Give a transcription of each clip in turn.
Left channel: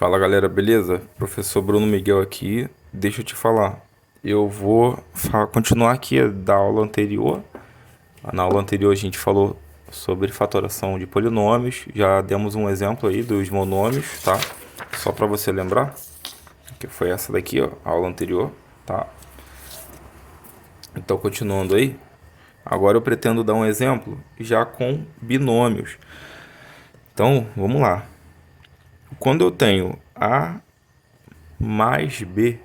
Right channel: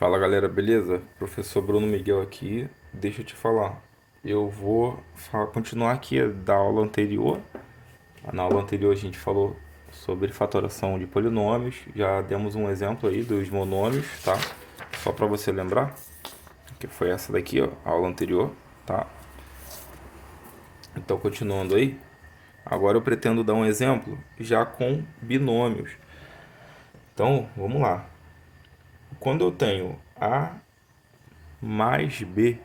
Fala galera, beleza? Professor Bruno Miguel aqui. Deixa eu te falar. Eu vou continuar aqui da aula anterior. Na aula anterior a gente falou sobre fatoração de polinômios. Já demos um exemplo aí dos monômios, tá? Só para você lembrar, que foi essa daqui, ó, a aula anterior, tá? Então, continuando aí. Agora eu pretendo dar um exemplo já com binômios. Então, vamos lá. Quando eu tenho A mais B,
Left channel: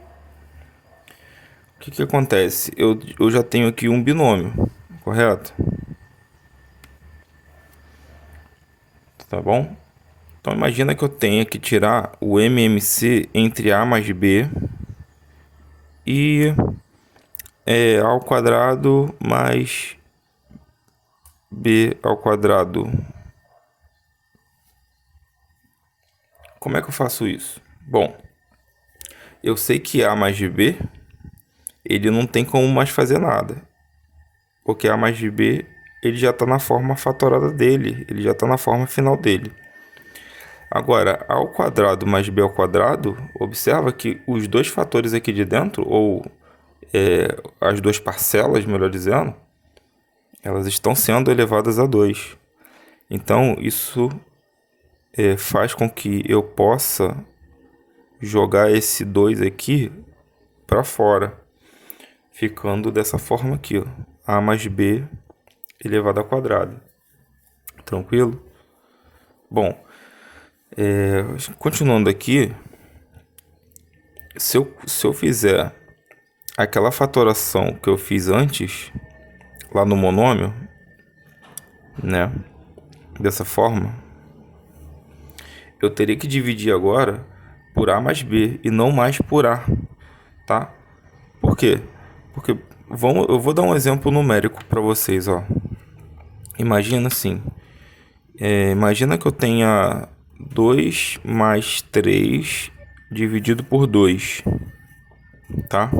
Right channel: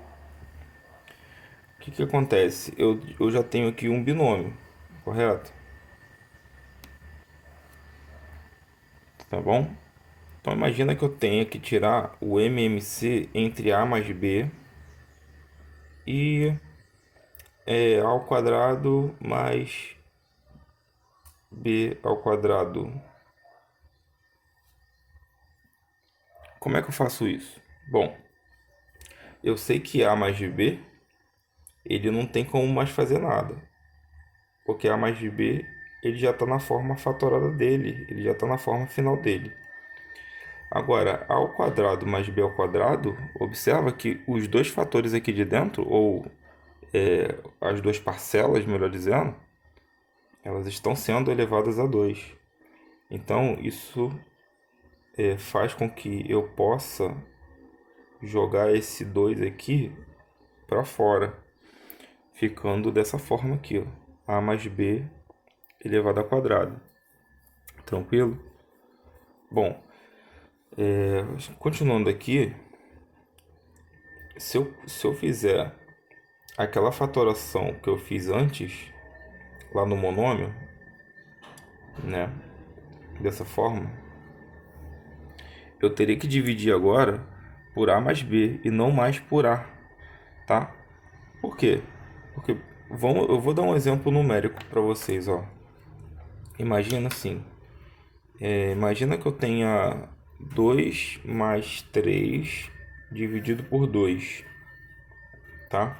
o que acontece? Eu já tenho aqui um binômio, correto? Tá bom? Então imagina que eu tenha que tirar o MMC entre A mais B e A ao quadrado mais B ao quadrado. Como é que eu faço isso? Bom, eu sei que A mais B, ele não tem como mais fazer nada. Porque A mais B, ele já está na forma fatorada dele, ele já está na forma final dele. Agora, A ao quadrado mais B ao quadrado, observa que os dois fatores aqui de dentro, ou as duas parcelas, melhor dizendo, elas estão sendo elevadas a 2. Então, isso faz com que eu possa jogar esse 2 aqui para fora, ficando dessa forma aqui, ó, A mais B elevado ao quadrado. Tranquilo? Bom, continuando aqui, se eu fizer aquela fatoração que eu fiz antes, lá no monômio, né? Dessa forma, eu teria que dividir agora por A mais B e não mais por A, tá? Por quê? Porque eu vou dar um exemplo numérico para vocês, ó. Imagina assim, imagina que eu tenha 2 mais 3 dividido por 2, tá?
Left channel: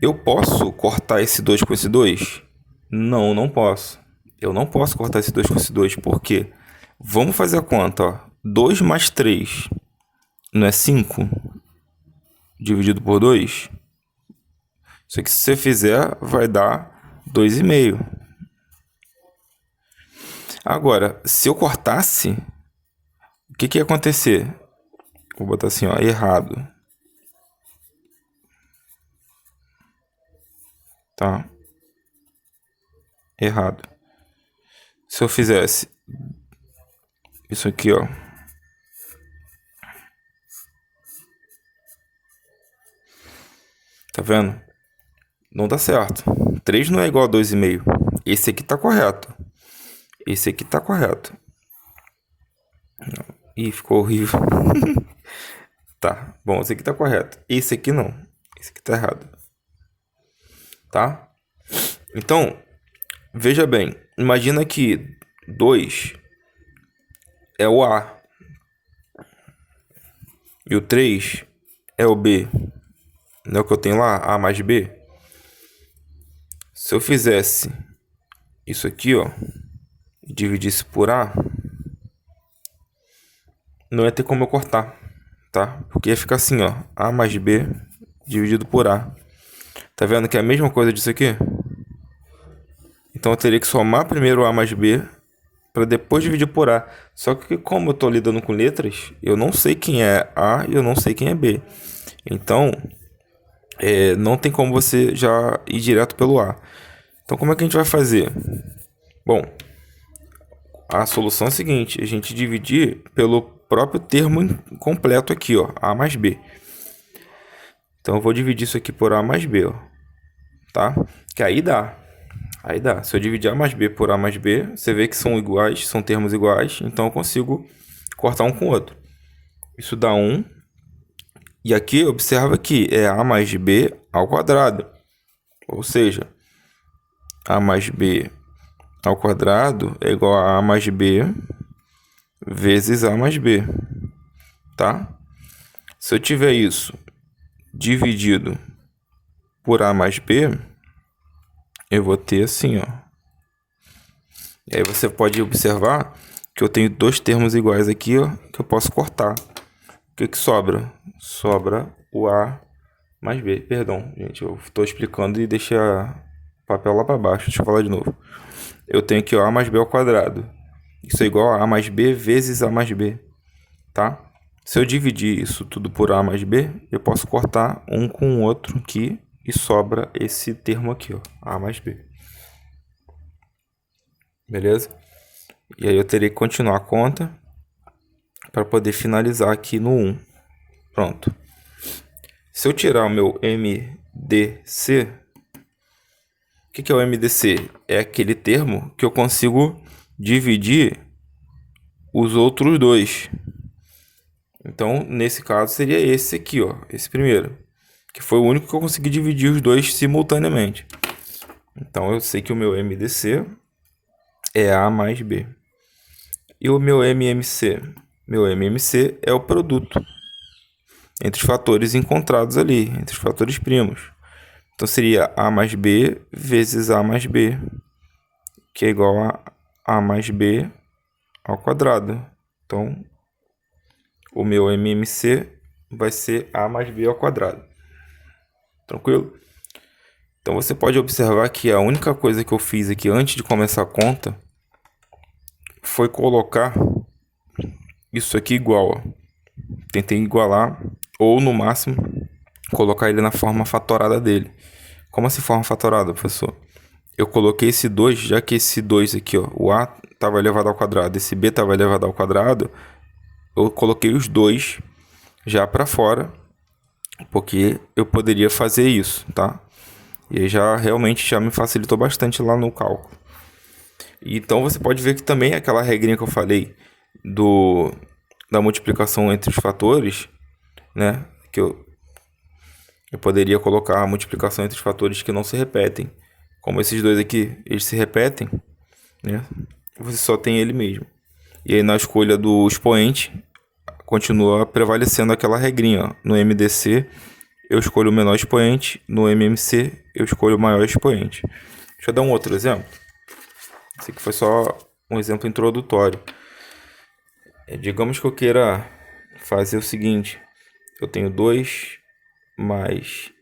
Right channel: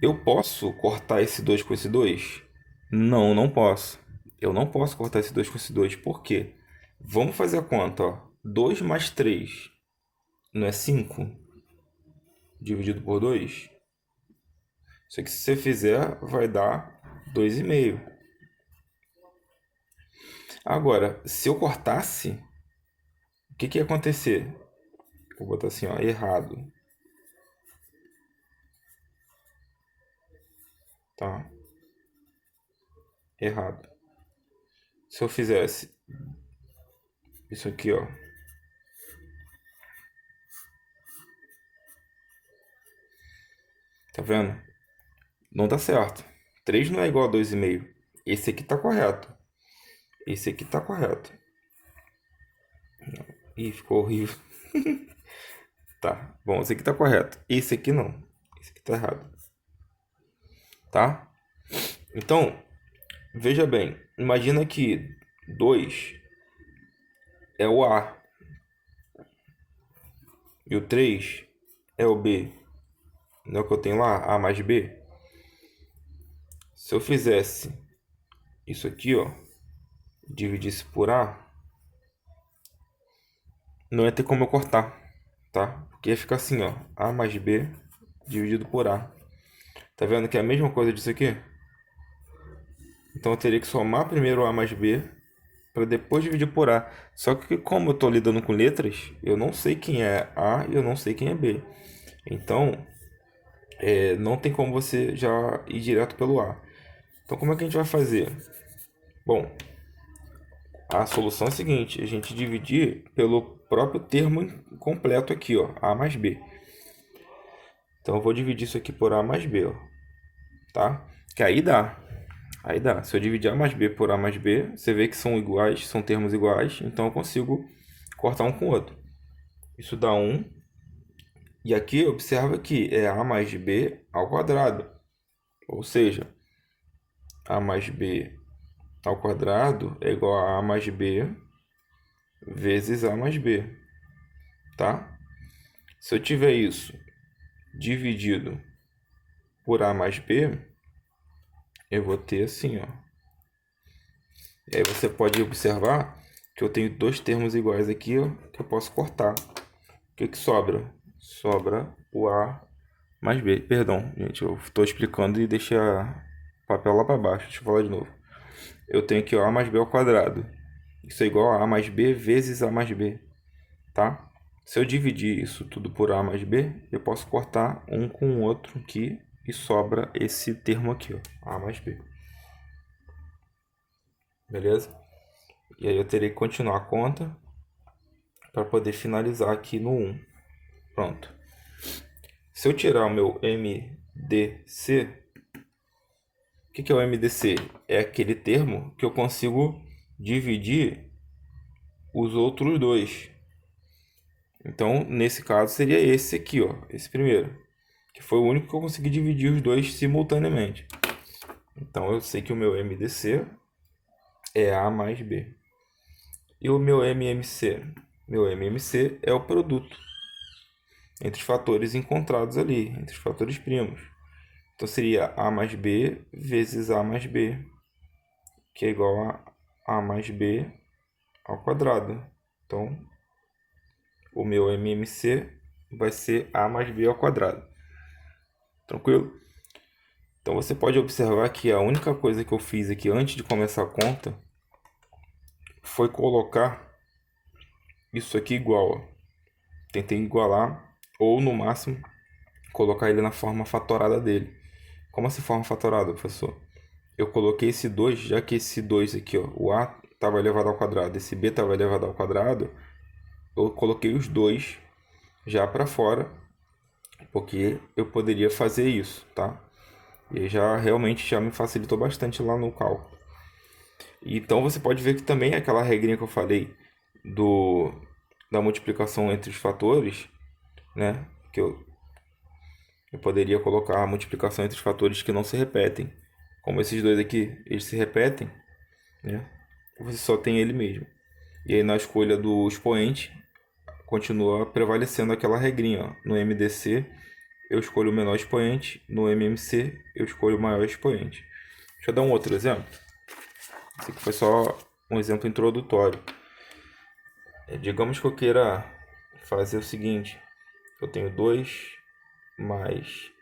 Eu posso cortar esse 2 com esse 2? Não, não posso. Eu não posso cortar esse 2 com esse 2. Por quê? Vamos fazer a conta, ó. 2 mais 3 não é 5? Dividido por 2? Isso aqui, se você fizer, vai dar 2,5. Agora, se eu cortasse, o que ia acontecer? Vou botar assim, ó, errado. Tá? Errado. Se eu fizesse isso aqui, ó. Tá vendo? Não dá certo. 3 não é igual a 2,5. Esse aqui tá correto. Esse aqui tá correto. Ih, ficou horrível. Tá. Bom, esse aqui tá correto. Esse aqui não. Esse aqui tá errado. Tá? Então, veja bem. Imagina que 2 é o A. E o 3 é o B. Não é o que eu tenho lá? A mais B. Se eu fizesse isso aqui, ó, e dividisse por A, não ia ter como eu cortar, tá? Porque ia ficar assim, ó, A mais B dividido por A. Tá vendo que é a mesma coisa disso aqui? Então eu teria que somar primeiro A mais B para depois dividir por A. Só que como eu estou lidando com letras, eu não sei quem é A e eu não sei quem é B. Então, não tem como você já ir direto pelo A. Então como é que a gente vai fazer? Bom, a solução é a seguinte, a gente dividir pelo próprio termo completo aqui, ó, A mais B. Então eu vou dividir isso aqui por A mais B, ó, tá? Que aí dá. Aí dá. Se eu dividir A mais B por A mais B, você vê que são iguais, são termos iguais, então eu consigo cortar um com o outro. Isso dá 1. E aqui, observa que é A mais B ao quadrado. Ou seja, A mais B ao quadrado é igual a A mais B vezes A mais B, tá? Se eu tiver isso dividido por A mais B, eu vou ter assim, ó. E aí você pode observar que eu tenho dois termos iguais aqui, ó, que eu posso cortar. O que que sobra? Sobra o A mais B. Perdão, gente, eu estou explicando e deixei o papel lá para baixo. Deixa eu falar de novo. Eu tenho aqui ó, A mais B ao quadrado. Isso é igual a A mais B vezes A mais B, tá? Se eu dividir isso tudo por A mais B, eu posso cortar um com o outro aqui e sobra esse termo aqui, ó, A mais B. Beleza? E aí eu terei que continuar a conta para poder finalizar aqui no 1. Pronto. Se eu tirar o meu MDC, o que é o MDC? É aquele termo que eu consigo dividir os outros dois. Então, nesse caso, seria esse aqui, ó, esse primeiro, que foi o único que eu consegui dividir os dois simultaneamente. Então, eu sei que o meu MDC é A mais B. E o meu MMC? Meu MMC é o produto entre os fatores encontrados ali, entre os fatores primos. Então, seria A mais B vezes A mais B, que é igual a A mais B ao quadrado. Então, o meu MMC vai ser A mais B ao quadrado. Tranquilo? Então, você pode observar que a única coisa que eu fiz aqui antes de começar a conta foi colocar isso aqui igual, ó. Tentei igualar, ou no máximo, colocar ele na forma fatorada dele. Como assim forma fatorada, professor? Eu coloquei esse 2, já que esse 2 aqui, ó, o A estava elevado ao quadrado, esse B estava elevado ao quadrado, eu coloquei os dois já para fora, porque eu poderia fazer isso, tá? E aí já realmente já me facilitou bastante lá no cálculo. Então você pode ver que também aquela regrinha que eu falei da multiplicação entre os fatores, né? Que eu poderia colocar a multiplicação entre os fatores que não se repetem. Como esses dois aqui, eles se repetem, né? Você só tem ele mesmo. E aí na escolha do expoente, continua prevalecendo aquela regrinha, ó. No MDC, eu escolho o menor expoente. No MMC, eu escolho o maior expoente. Deixa eu dar um outro exemplo. Esse aqui foi só um exemplo introdutório. Digamos que eu queira fazer o seguinte. Eu tenho 2 mais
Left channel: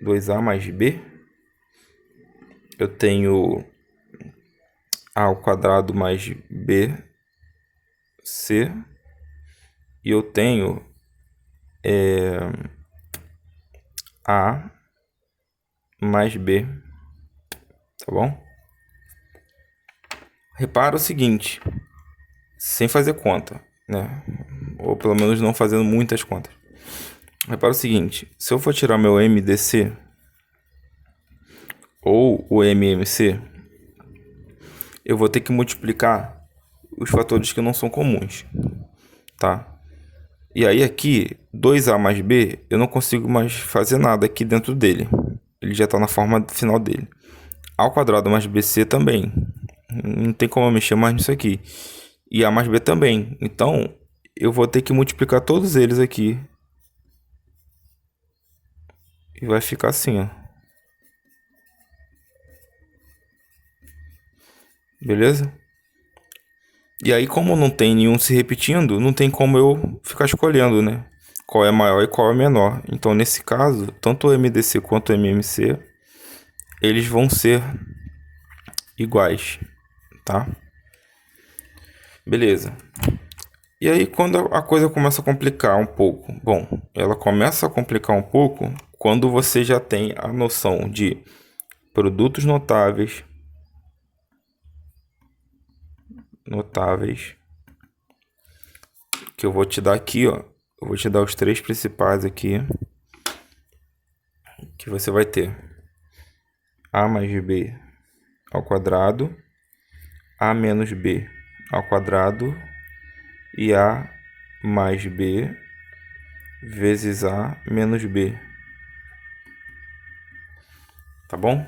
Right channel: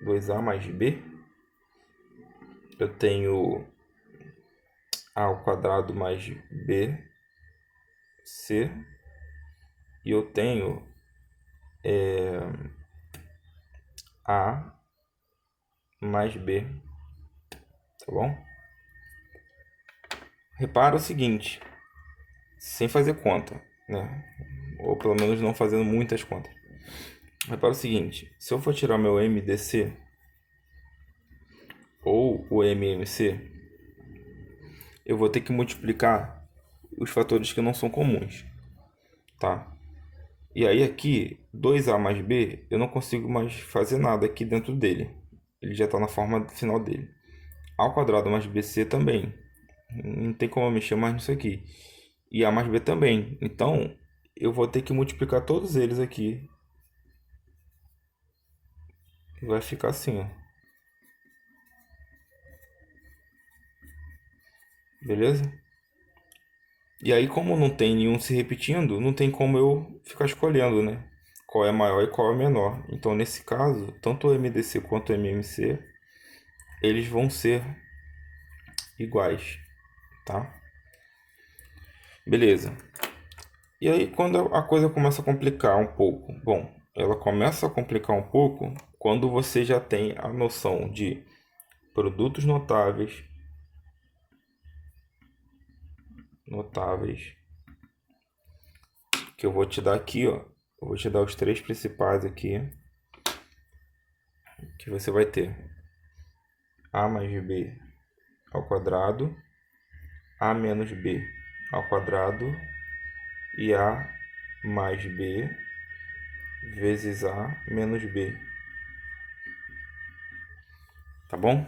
2A mais B. Eu tenho A ao quadrado mais BC. E eu tenho A mais B. Tá bom? Repara o seguinte, sem fazer conta, né? Ou pelo menos não fazendo muitas contas. Repara o seguinte, se eu for tirar meu MDC ou o MMC, eu vou ter que multiplicar os fatores que não são comuns, tá? E aí aqui, 2A mais B, eu não consigo mais fazer nada aqui dentro dele. Ele já está na forma final dele. A ao quadrado mais BC também. Não tem como eu mexer mais nisso aqui. E A mais B também. Então, eu vou ter que multiplicar todos eles aqui. E vai ficar assim, ó. Beleza? E aí, como não tem nenhum se repetindo, não tem como eu ficar escolhendo, né? Qual é maior e qual é menor. Então, nesse caso, tanto o MDC quanto o MMC, eles vão ser iguais, tá? Beleza. E aí, quando a coisa começa a complicar um pouco? Bom, ela começa a complicar um pouco quando você já tem a noção de produtos notáveis, que eu vou te dar aqui, ó. Eu vou te dar os três principais aqui, que você vai ter A mais B ao quadrado, A menos B ao quadrado e A mais B vezes A menos B. Tá bom?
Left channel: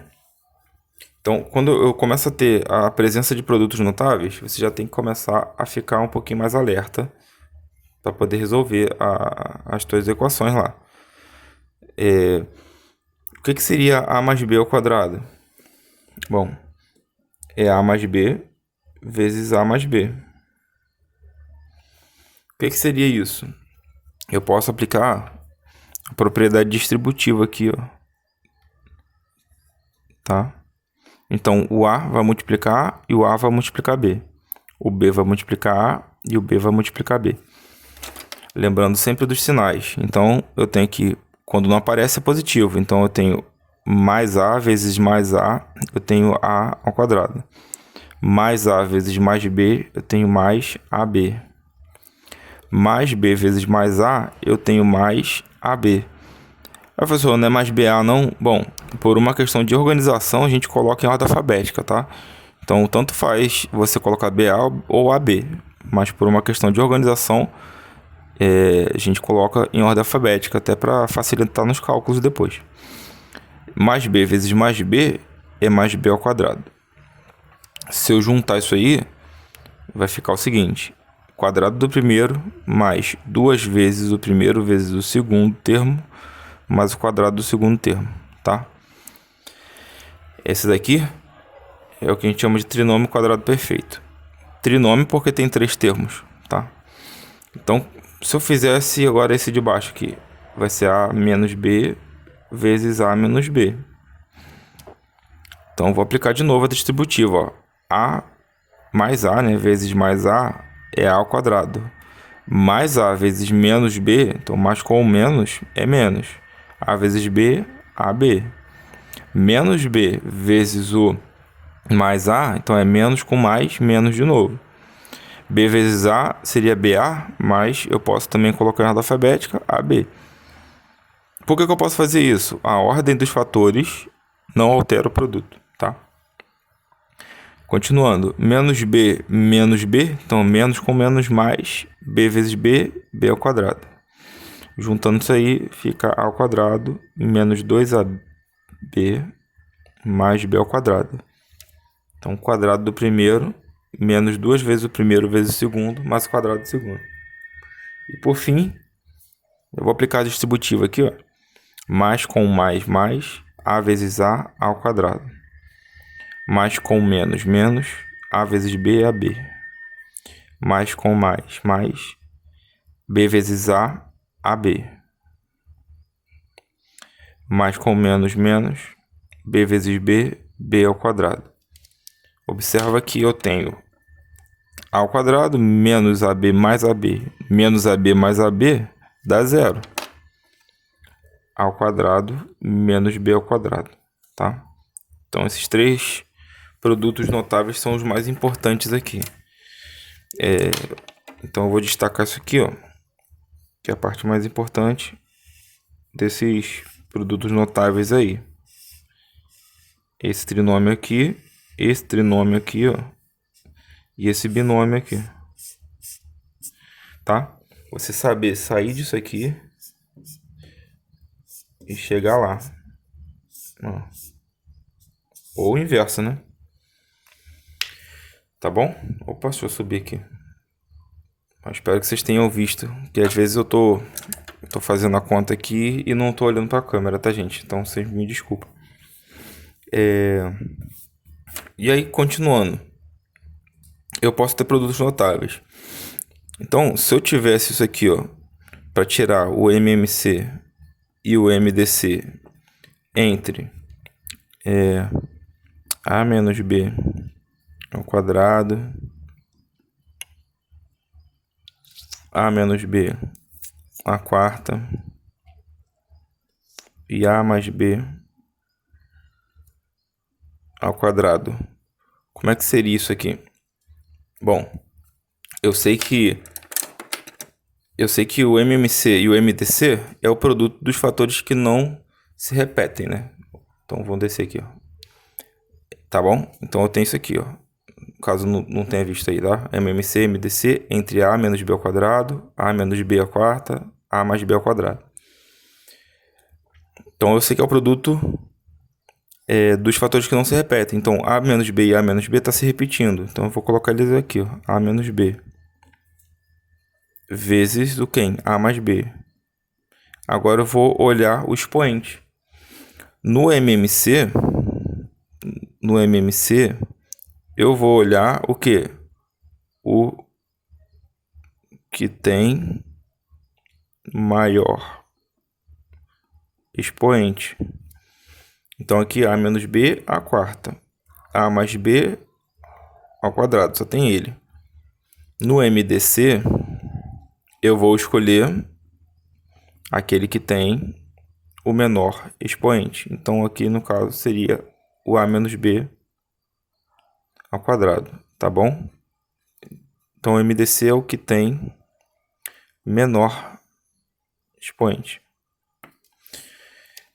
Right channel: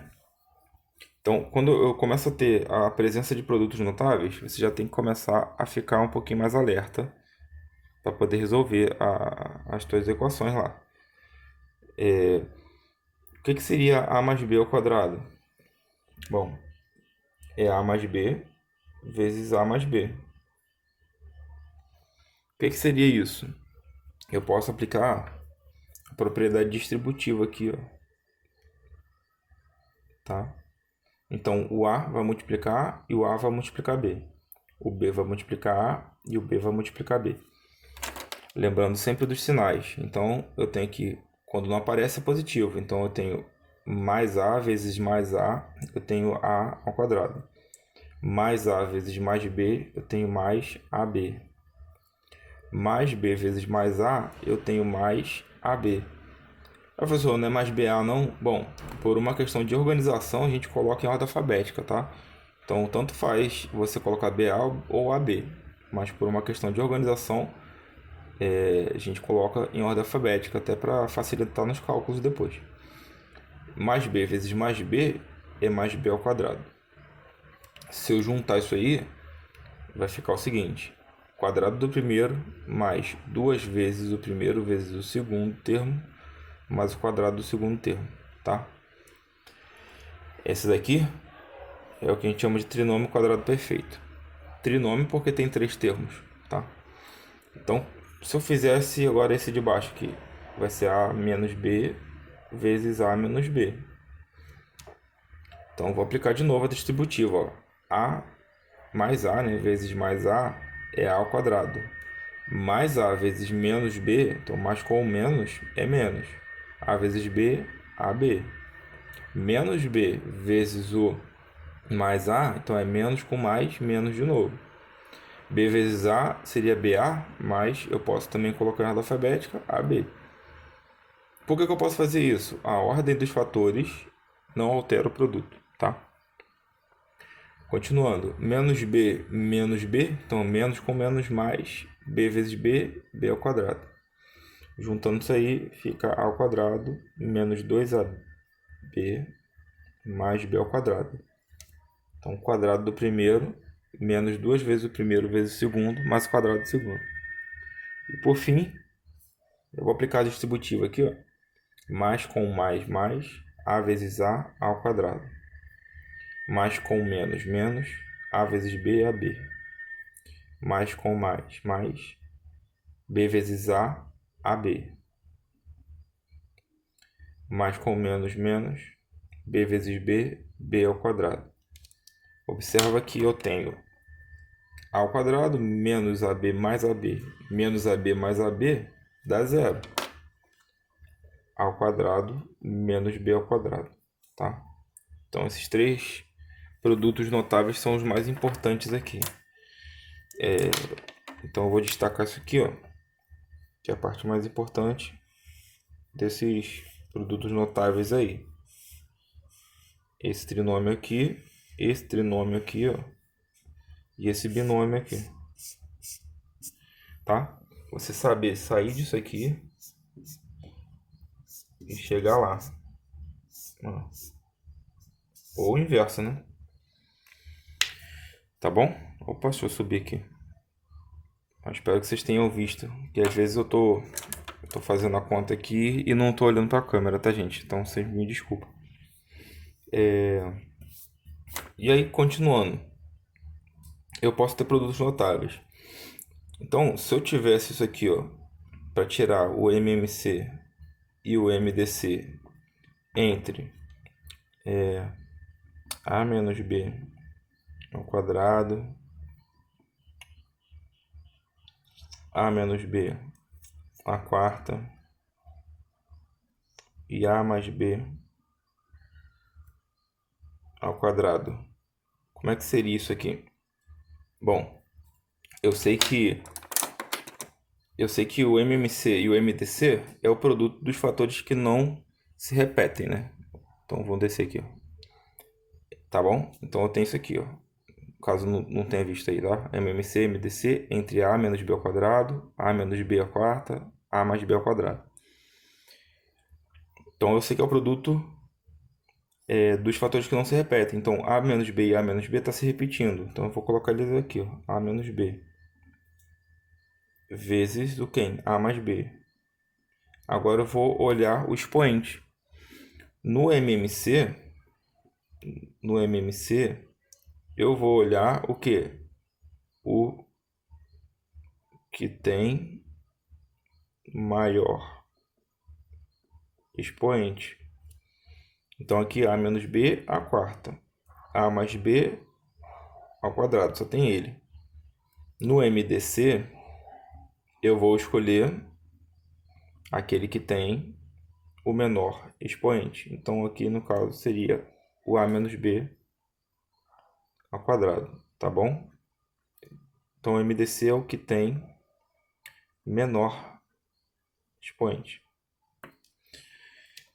Então, quando eu começo a ter a presença de produtos notáveis, você já tem que começar a ficar um pouquinho mais alerta para poder resolver as suas equações lá. O que seria A mais B ao quadrado? Bom, é A mais B vezes A mais B. que seria isso? Eu posso aplicar a propriedade distributiva aqui, ó. Tá? Então, o A vai multiplicar A e o A vai multiplicar B. O B vai multiplicar A e o B vai multiplicar B. Lembrando sempre dos sinais. Então, eu tenho que, quando não aparece, é positivo. Então, eu tenho mais A vezes mais A, eu tenho A ao quadrado. Mais A vezes mais B, eu tenho mais AB. Mais B vezes mais A, eu tenho mais AB. Professor, não é mais BA não? Bom, por uma questão de organização, a gente coloca em ordem alfabética, tá? Então, tanto faz você colocar BA ou AB. Mas por uma questão de organização, a gente coloca em ordem alfabética, até para facilitar nos cálculos depois. Mais B vezes mais B é mais B ao quadrado. Se eu juntar isso aí, vai ficar o seguinte: quadrado do primeiro mais 2 vezes o primeiro vezes o segundo termo mais o quadrado do segundo termo, tá? Esse daqui é o que a gente chama de trinômio quadrado perfeito. Trinômio porque tem 3 termos, tá? Então, se eu fizesse agora esse de baixo aqui, vai ser A menos B vezes A menos B. Então, eu vou aplicar de novo a distributiva, ó. A mais A, né, vezes mais A é A ao quadrado. Mais A vezes menos B, então mais com o menos é menos. A vezes B, AB. Menos B vezes o mais A, então é menos com mais, menos de novo. B vezes A seria BA, mas eu posso também colocar em ordem alfabética AB. Por que eu posso fazer isso? A ordem dos fatores não altera o produto, tá? Continuando, menos B, então menos com menos mais, B vezes B, B ao quadrado. Juntando isso aí, fica A ao quadrado menos 2AB mais B ao quadrado. Então, o quadrado do primeiro menos 2 vezes o primeiro vezes o segundo, mais o quadrado do segundo. E por fim, eu vou aplicar a distributiva aqui, ó. Mais com mais, A vezes A ao quadrado. Mais com menos, A vezes B, AB. Mais com mais, B vezes A, AB. Mais com menos, B vezes B, B ao quadrado. Observa que eu tenho A ao quadrado menos AB mais AB, menos AB mais AB, dá zero. A ao quadrado menos B ao quadrado, tá? Então, esses 3 produtos notáveis são os mais importantes aqui. Então, eu vou destacar isso aqui, ó, que é a parte mais importante desses produtos notáveis aí. Esse trinômio aqui, ó, e esse binômio aqui, tá? Você saber sair disso aqui e chegar lá. Ó. Ou o inverso, né? Tá bom? Opa, deixa eu subir aqui. Eu espero que vocês tenham visto, que às vezes eu tô fazendo a conta aqui e não tô olhando para a câmera, tá, gente? Então vocês me desculpem. E aí, continuando, eu posso ter produtos notáveis. Então, se eu tivesse isso aqui, ó, para tirar o MMC e o MDC entre A menos B ao quadrado, A menos B à quarta e A mais B ao quadrado. Como é que seria isso aqui? Bom, eu sei que o MMC e o MDC é o produto dos fatores que não se repetem, né? Então, vamos descer aqui, ó. Tá bom? Então, eu tenho isso aqui, ó. Caso não tenha visto aí, tá? MMC, MDC entre A menos B ao quadrado, A menos B à quarta, A mais B ao quadrado. Então, eu sei que é o produto dos fatores que não se repetem. Então, A menos B e A menos B está se repetindo. Então, eu vou colocar eles aqui, ó. A menos B vezes o quem? A mais B. Agora eu vou olhar o expoente. No MMC, eu vou olhar o quê? O que tem maior expoente. Então aqui A menos B, A quarta. A mais B ao quadrado, só tem ele. No MDC, eu vou escolher aquele que tem o menor expoente. Então aqui no caso seria o A menos B ao quadrado, tá bom? Então o MDC é o que tem menor expoente.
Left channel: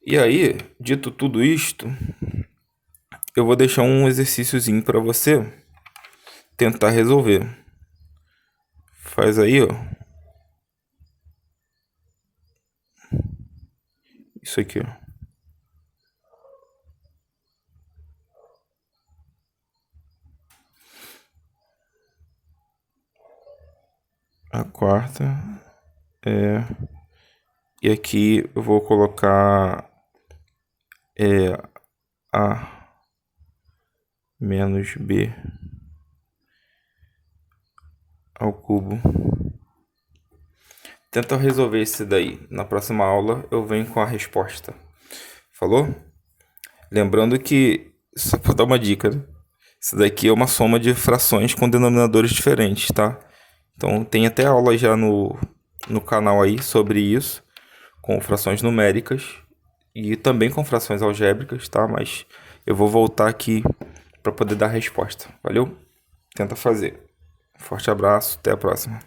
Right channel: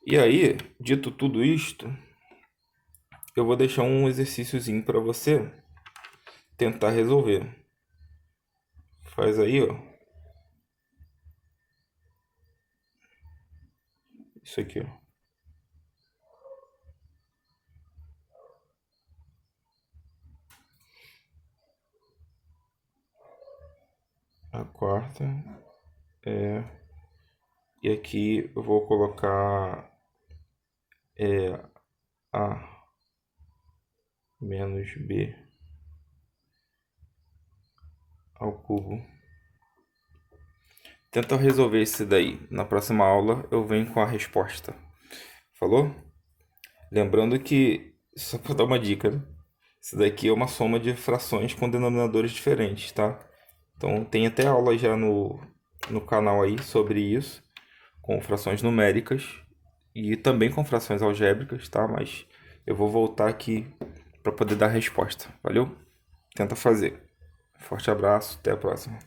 E aí, dito tudo isto, eu vou deixar um exercíciozinho para você tentar resolver. Faz aí, ó. Isso aqui, ó. A quarta é... E aqui eu vou colocar A menos B ao cubo. Tenta resolver isso daí. Na próxima aula eu venho com a resposta. Falou? Lembrando que, só para dar uma dica, né? Isso daqui é uma soma de frações com denominadores diferentes, tá? Então tem até aula já no canal aí sobre isso, com frações numéricas e também com frações algébricas, tá? Mas eu vou voltar aqui para poder dar a resposta. Valeu? Tenta fazer. Forte abraço, até a próxima.